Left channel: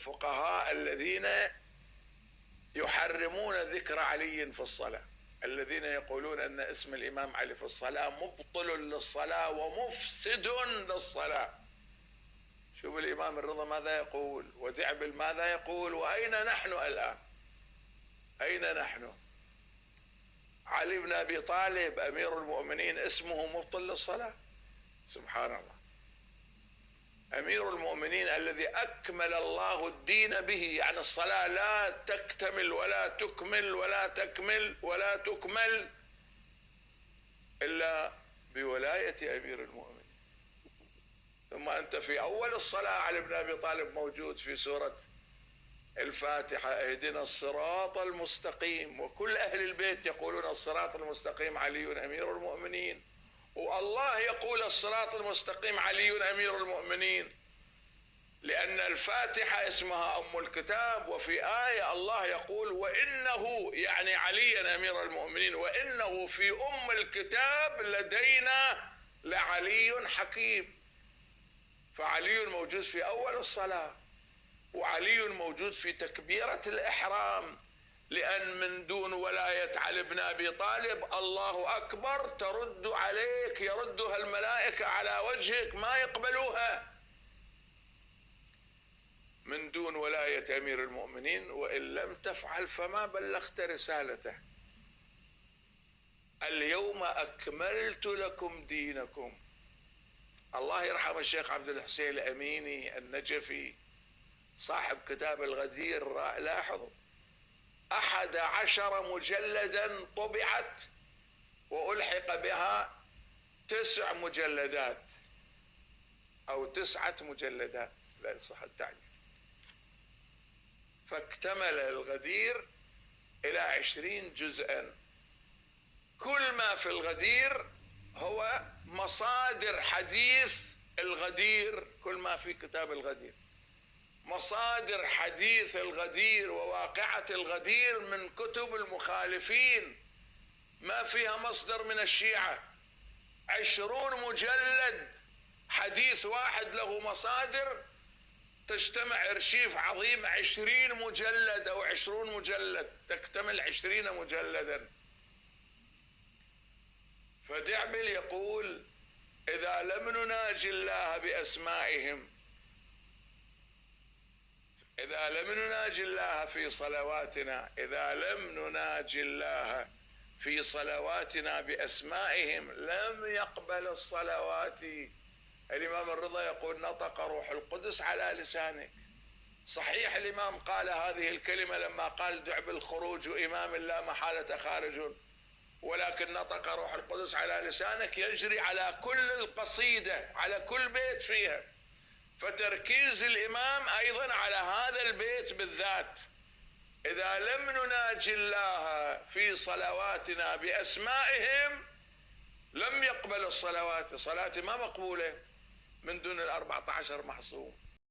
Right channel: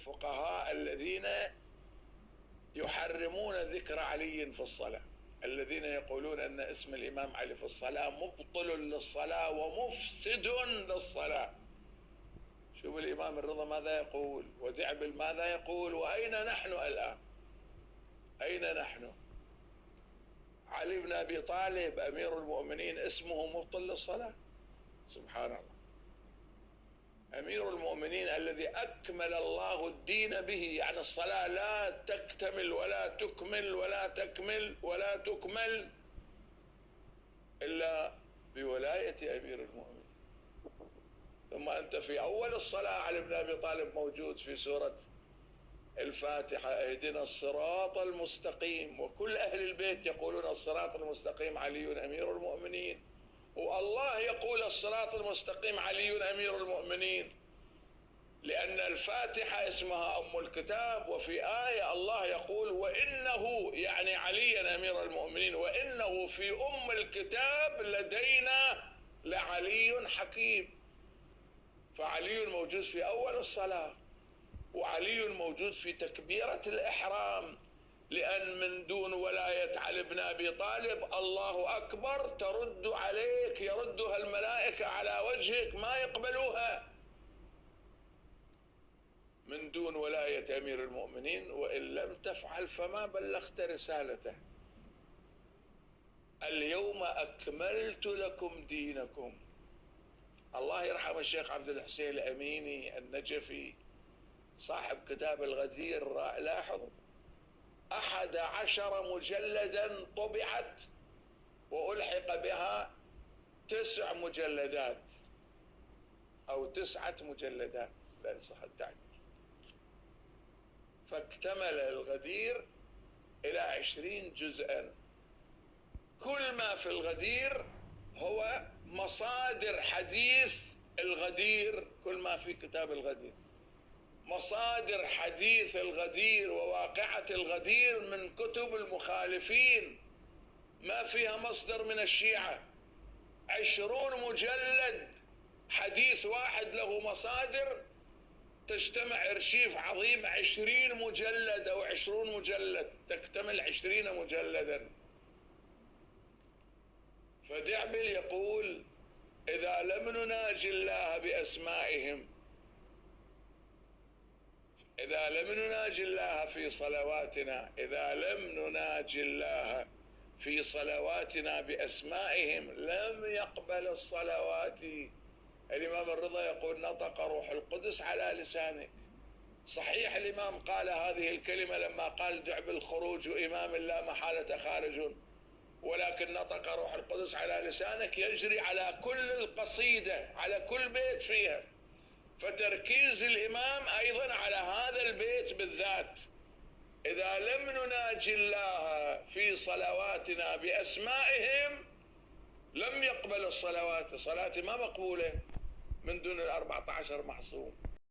الفقهاء الذين يحرمون ذكر علي في الصلاة، الذين يقولون أن اسم الإمام علي في الصلاة مبطل للصلاة ومفسد للصلاة. شوف الإمام الرضا ماذا يقول، ودعبل ماذا يقول، وأين نحن الآن؟ أين نحن؟ علي بن أبي طالب أمير المؤمنين اسمه مبطل للصلاة؟ سبحان الله. أمير المؤمنين الذي أكمل الله الدين به، يعني الصلاة لا تكتمل ولا تكمل ولا تكمل ولا تكمل إلا بولاية أمير المؤمنين. ثم أنت في أول الصلاة علي بن أبي طالب موجود في سورة الفاتحة، اهدنا الصراط المستقيم، وكل أهل البيت يقولون الصراط المستقيم علي أمير المؤمنين، والله يقول الصراط المستقيم علي أمير المؤمنين، لأن الفاتحة اسمها أم الكتاب، وفي آية الله يقول وإنه، يعني عليا أمير المؤمنين، وإنه في أم الكتاب لدينا لعلي حكيم. فعلي موجود في أول الصلاة، وعلي موجود في تكبيرة الإحرام، لأن من دون ولاية علي بن أبي طالب الله أكبر ترد عليك، يردها الملائكة على وجهك ما يقبلوها. من دون ولاية أمير المؤمنين، وإن لم تفعل فما بلغت رسالته. اليوم أكملت لكم دينكم. الله يرحم الشيخ عبد الحسين الأميني النجفي صاحب كتاب الغدير، لاحظوا 11 مجلدا طبعت وألحق بها 9 مجلدات أو 9 مجلدات، لا يصح التعبير. فاكتمل الغدير إلى 20 جزءا. كل ما في الغدير هو مصادر حديث الغدير، كل ما في كتاب الغدير مصادر حديث الغدير وواقعة الغدير من كتب المخالفين، ما فيها مصدر من الشيعة. 20 مجلد حديث واحد له مصادر، تجتمع ارشيف عظيم 20 مجلد أو 20 مجلد، تكتمل 20 مجلدا. فدعبل يقول إذا لم نناجي الله بأسمائهم، إذا لم نناجي الله في صلواتنا، إذا لم نناجي الله في صلواتنا بأسمائهم لم يقبل الصلوات. الإمام الرضا يقول نطق روح القدس على لسانك. صحيح الإمام قال هذه الكلمة لما قال دعبل خروج إمام لا محالة خارج، ولكن نطق روح القدس على لسانك يجري على كل القصيدة، على كل بيت فيها. فتركيز الإمام أيضا على هذا البيت بالذات، إذا لم نناجي الله في صلواتنا بأسمائهم لم يقبل الصلوات. صلاة ما مقبولة من دون 14 محصوم.